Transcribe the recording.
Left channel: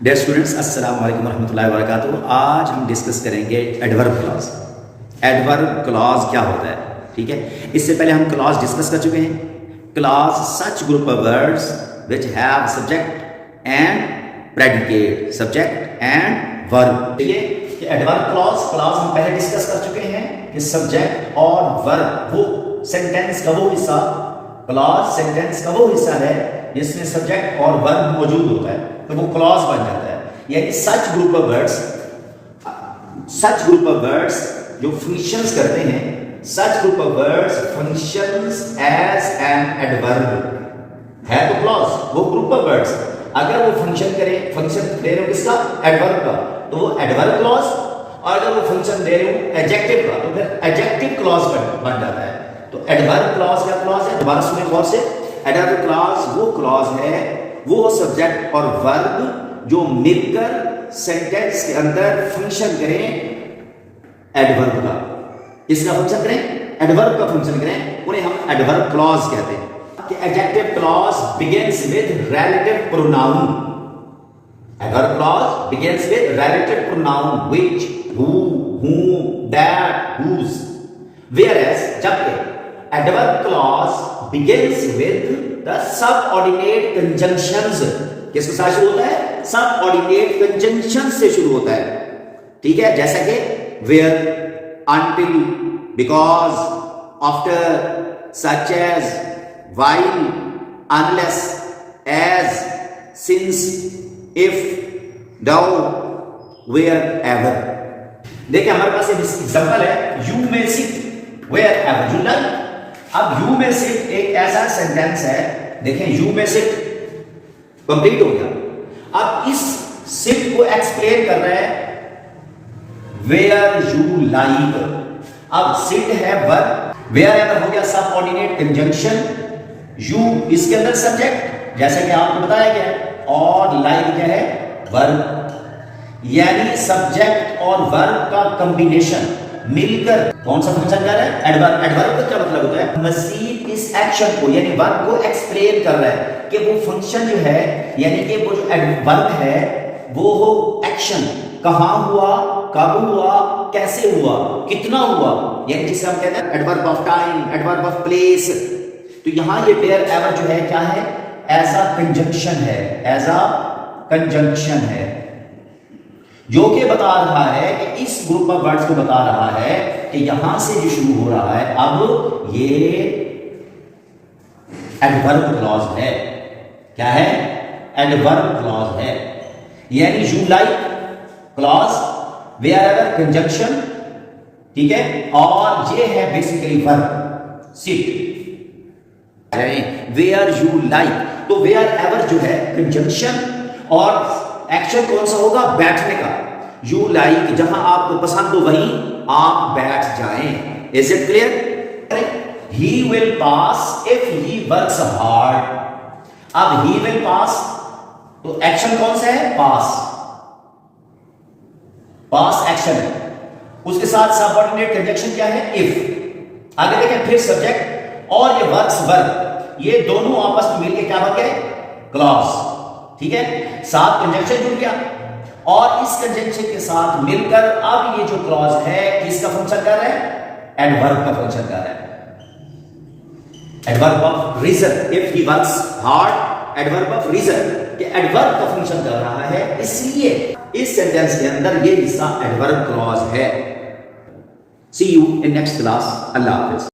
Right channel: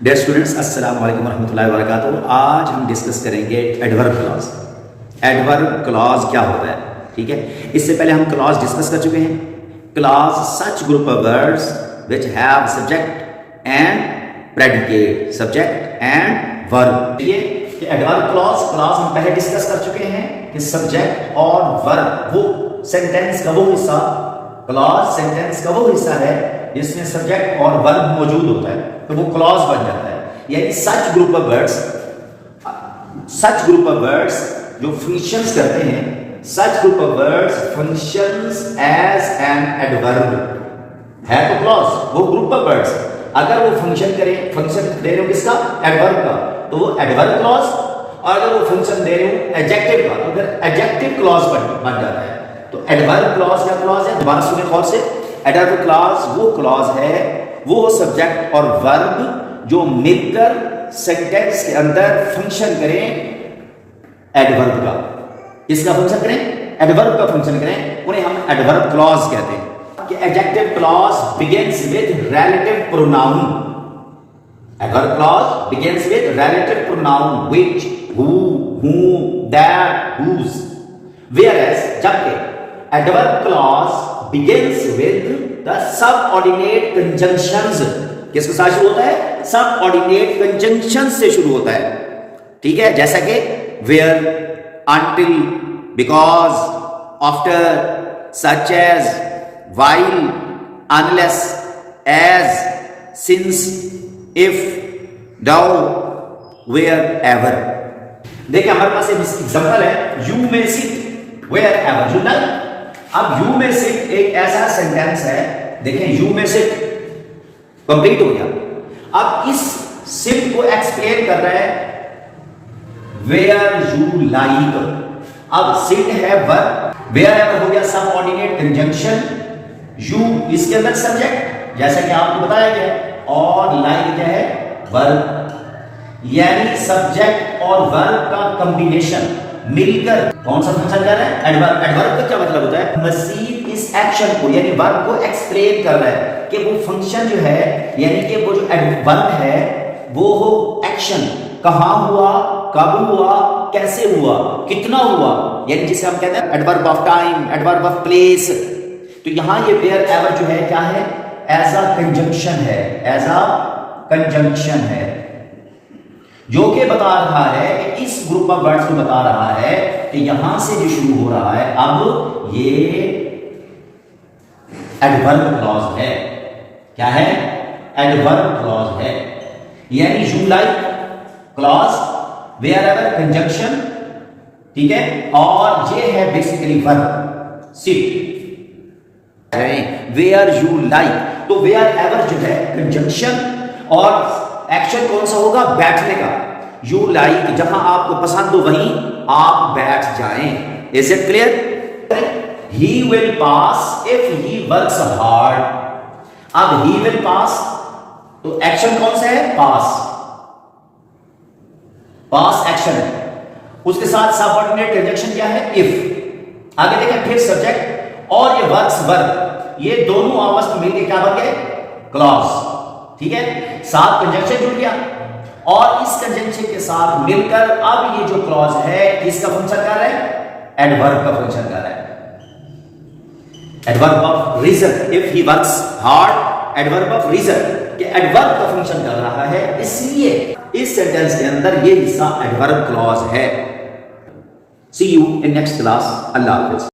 Dear students, अस्सलाम वालेकुम रहमतुल्लाहि व बरकातुहू। आज हम डिस्कस करेंगे एडवर्ब क्लॉज। एडवर्ब क्लॉज क्या होता है, ठीक है। इससे पहले हम क्लॉज डिस्कस कर चुके हैं। Clause such group of words which have subject and predicate, subject and verb. ये एडवर्ब क्लॉज हम पहले डिस्कस कर चुके हैं कि सब्जेक्ट और वर्ब वो सेंटेंस का वो हिस्सा, क्लॉज सेंटेंस का वो हिस्सा है जिसमें सब्जेक्ट और वर्ब मौजूद होता है, तो वो क्लॉज बन जाता है। यानी सच ग्रुप ऑफ वर्ड्स जो फंक्शंस करते हैं, such group of words functions as an adverb है, तो क्लॉज वो ग्रुप ऑफ वर्ड्स अगर वो फंक्शन दे रहे हो किसका, एडवर्ब का, तो वो एडवर्ब क्लॉज। और अगर वो फंक्शन दे रहे हो एडजेक्टिव का, तो फिर एडजेक्टिव क्लॉज बन जाता है। तो एडवर्ब क्लॉज क्या क्लॉज है, दोबारा सुनिए गौर से। एडवर्ब क्लॉज वो क्लॉज है, वो सब्जेक्ट और वर्ब जो मिलकर सेंटेंस के अंदर फंक्शन करें एडवर्ब का। इसका फंक्शन करें, एडवर्ब का फंक्शन करें, उन्हें हम एडवर्ब क्लॉज कहते हैं। कि adjective clause begins with relative pronoun. Adverb clause begins with relative pronoun which, who, whom, that, whose। whereas जबकि adverb clause begins with the subordinate conjunctions। किसके साथ शुरू होता है, subordinate conjunctions से शुरू होता है, ठीक है। जैसा कि where, until, because, after, such as, while, unless, as, since, if, though, wherever। देखिए हमारे पास एक एग्जांपल है, you may sit wherever you like। अब यू में सिट एक ऐसा सेंटेंस है, देखें यू में सिट कंप्लीट हो गया। अब इस सिट को एक्सप्लेन कर रहा है वेयर यू लाइक। अब सिट है वर्ब, वेयर एवर हो गया सबऑर्डिनेट कंजंक्शन, यू इसके अंदर सब्जेक्ट जैसा कि आपको बताया गया है, और लाइक क्या है, वर्ब। यानी सब्जेक्ट और वर्ब का कॉम्बिनेशन मिलकर कौन सा फंक्शन कर रहा है, एडवर्ब। एडवर्ब का क्या मतलब होता है, मजीद इस एक्शन को यानी वर्ब को एक्सप्लेन कर रहा है कि वो फंक्शन जो है, यानी कि वो जो वर्ब है वो हो एक्शन, कहां हुआ, कब हुआ, कैसे हुआ, कितना हुआ, यानी जिसे हम कहते हैं adverb of time, adverb of place. तो यहां ये वेयर एवर जो है क्या है, एज अ कंजंक्शन है, एज अ कंजंक्शन है, जो कि बता रहा है कि इस ग्रुप ऑफ वर्ड्स को बता रहा है कि यहां से जो शुरू हो रहा है, अब ये एडवर्ब क्लॉज है। क्या है, एडवर्ब क्लॉज है। यानी you like clause, wherever conjunction, ठीक है, और ये है basically verb sit. Where you like, तो वेयर एवर जो है कंजंक्शन, और एक्शन कौन सा होगा, बैठने का। यू लाइक, जहां आपको पसंद हो वहीं आप बैठ जाएं। Is it clear. He will pass if he works hard. अब ही विल पास, तो एक्शन कौन सा है, पास, पास एक्शन है, उसके साथ सबऑर्डिनेट कंजंक्शन क्या है, इफ। आगे देखें, फिर सब्जेक्ट और ये वर्क्स वर्ब, ये दोनों आपस में मिलकर क्या बन गए, क्लॉज, ठीक है। साथ कंजंक्शन जुड़ गया, और इस कंजंक्शन के साथ मिलकर अब ये जो क्लॉज है इसका फंक्शन कर रहा है, एडवर्ब का फंक्शन कर रहा है। Adverb of reason, if he works hard, adverb of reason कि एडवर्ब का फंक्शन कर रहा है, इसलिए इस सेंटेंस के अंदर ये हिस्सा एडवर्ब क्लॉज है। See you in next class. अल्लाह हाफिज।